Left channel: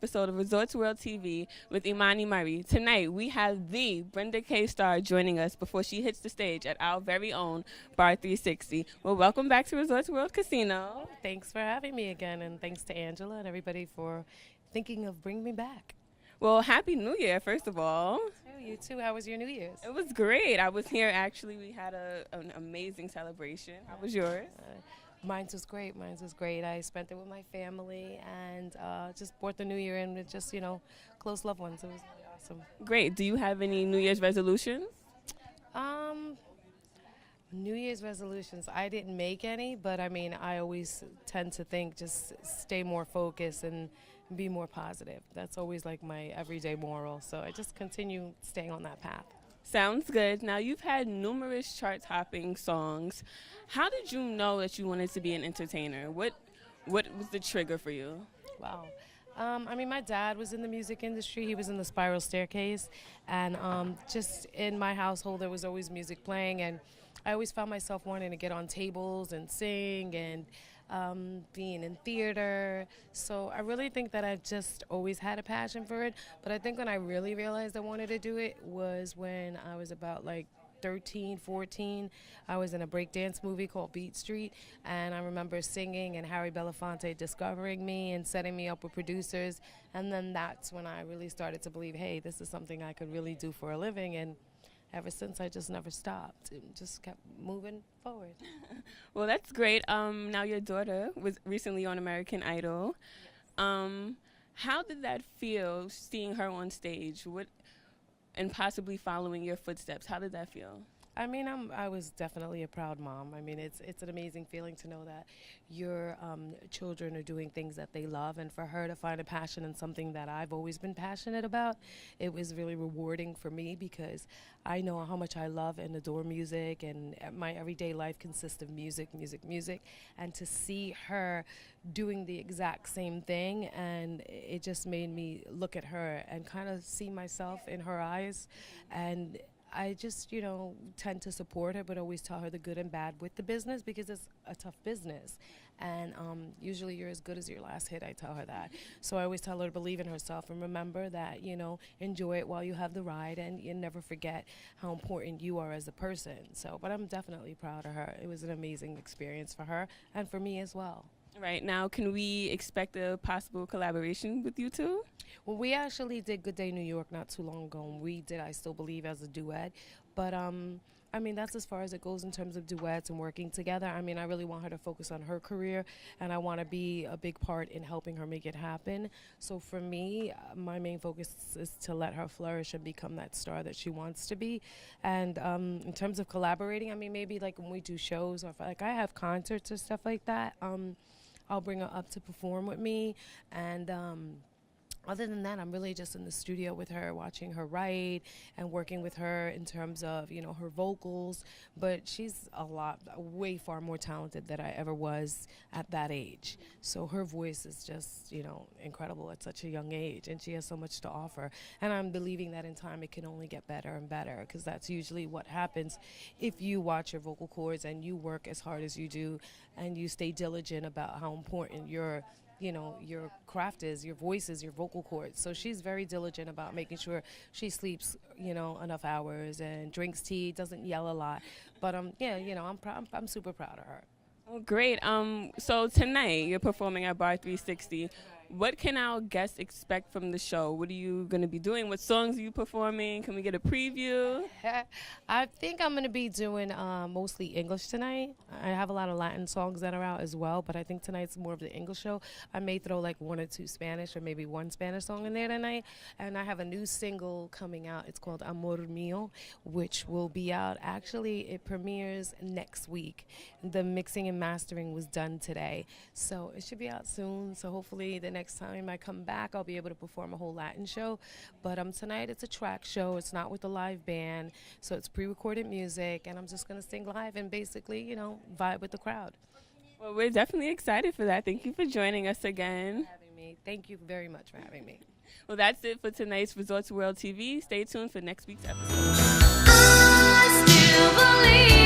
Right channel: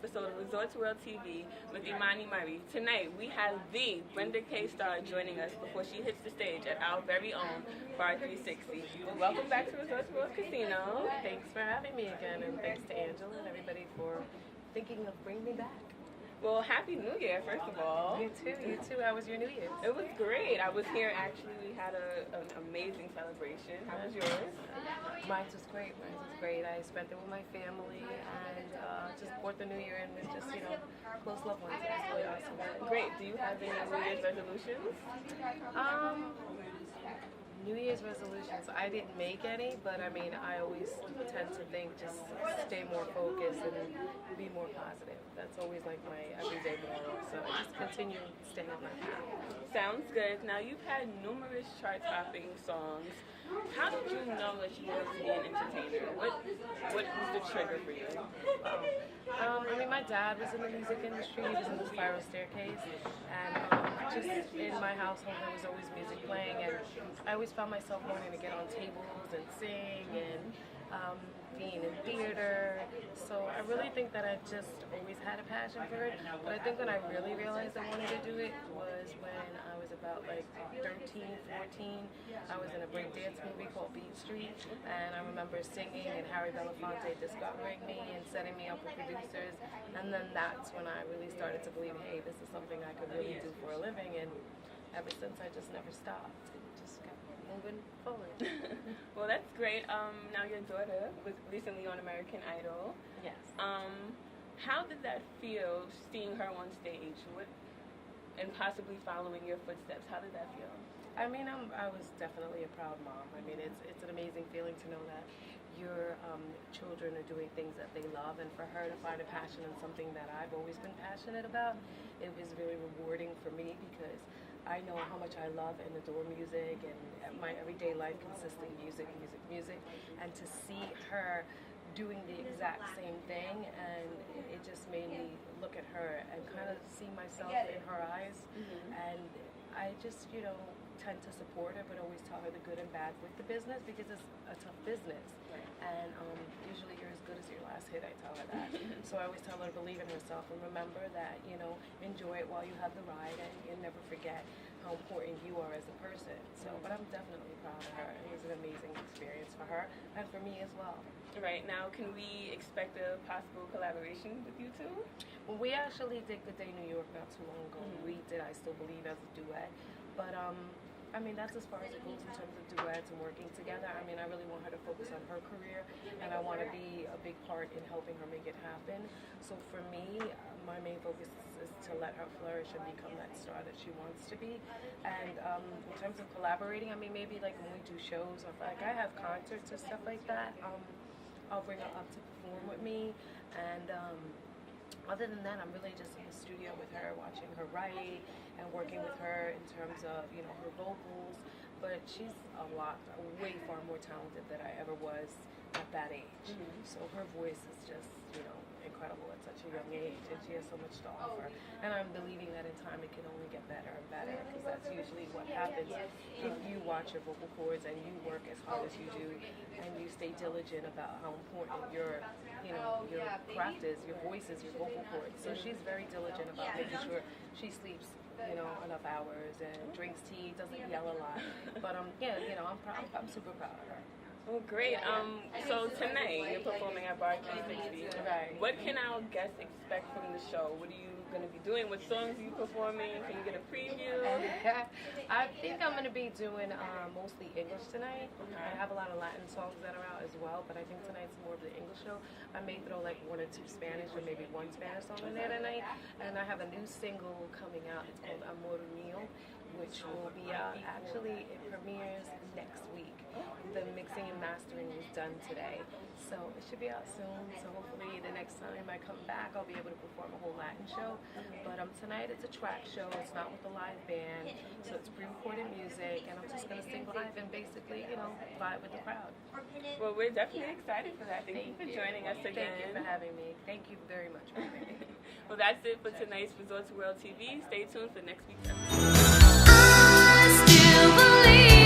episode of Resorts World TV with Imani Murray. Tonight, we have the Brenda K. Starr joining us before she hits the stage at our very own Bar 360. Well, welcome back to Resorts World Casino. Thanks for having me again, and thanks to Angela and everybody for thinking of bringing me back. Well, Happy New Year, first of all. You too. How was your New Year's? It was great. I was here, actually. We had an amazing celebration. How was yours? Mine was great. I spent it with my family and just brought the New Year in with just, close loved ones. It was really awesome. Great. Do you have any New Year's resolutions? New Year's resolutions, I didn't make any, but I always tend to think just stay more focused and be more positive. That's always like my everyday moral. So I just continue staying on that path. Sounds good. Now, you've had numerous chart-topping songs. How did you know that you wanted to be an entertainer? What was the trigger for you? Wow. My dad was in the music industry. He was in the Spiral Staircase. And just in my household, there was always music playing. And I always found myself wanting to get on tables and sing and being in theater. So I really think that I just always had a passion for it. But I think when I really realized I wanted to do it was when I was about 13, 14. I was in a breakdance movie called Beat Street, and I remember singing and Harry Belafonte discovering me and setting me up with producers. And then that's when I really started to believe, hey, this is something I could really do for a living. And ever since, I just never stopped. It just kept moving forward. Well, that's great. Now your daughter was recently on American Idol. Yes. How did that feel, seeing her on stage? And possibly following your footsteps? How did that feel? I was definitely a proud mom. It's an amazing feeling to know that your children are doing things that they love, and for her to find a passion in something that I've always been passionate about, it was really rewarding for me because I know how much I love and adore music, and my everyday life consists of music, and to see her doing the exact same thing, and it just made me look at her and kind of see myself in her eyes. And I just, tend to support her, but always tell her the good and bad with the business because it's a tough business. And usually you're as good as your last hit, I tell her that. So I always tell her to believe in herself and remember that, enjoy it while you have the ride, and you never forget how important you are as a person. But I'm definitely proud of her. It was an amazing experience for her and for me as well. Right now, can we expect a possible collaboration with you two? Well, we actually did Good Day New York not too long ago. We did I Still Believe as a duet. But, that's as far as it goes in terms of duets and working together. I really want her to focus on her career, and I want to be a big part in helping her make it happen. So for me, my main focus is to let her flourish and become that star that she wants to be. And in terms of collaborating, maybe when we do shows or I have concerts or stuff like that, I'll bring her up to perform with me. And other than that, I'm really just in the studio with her, watching her write and working with her in terms of, her vocals. But she's way far more talented than I ever was at that age. So her voice is just, incredible at such a young age, and she has so much to offer. And I'm believing that in time it can only get better and better, because that's usually what happens if you watch your vocal cords and you work as hard as you do and you stay diligent about how important your craft is, your voice is, your vocal cords. So she's very diligent about making sure she sleeps, enough hours and drinks tea, doesn't yell a lot. But I'm super proud of her. Well, great. So tonight you're performing at Bar 360. What can our guests expect from the show? What are you going to be doing? What songs are you performing? Can we get a preview? I think I'm going to be doing mostly English tonight. I have a lot of Latin songs that are out as well, but I think tonight's more of the English show. I may throw one or two Spanish or maybe one Spanish song in there tonight. And I have a new single coming out. It's called Amor Mío, which will be out. Actually, it premieres next week. The mixing and mastering was done today, so it should be out soon. So hopefully the next time I come back, I'll be able to perform a whole Latin show. But tonight it's a track show. It's not with a live band, so it's pre-recorded music, and I'm just going to sing live and basically, vibe with the crowd. Well, we're definitely excited for that. Thank you for joining us again. Thank you for having me. Thank you very much for having me. Well, that's it for tonight's Resorts World TV. Stay tuned for next week's episode. I still believe.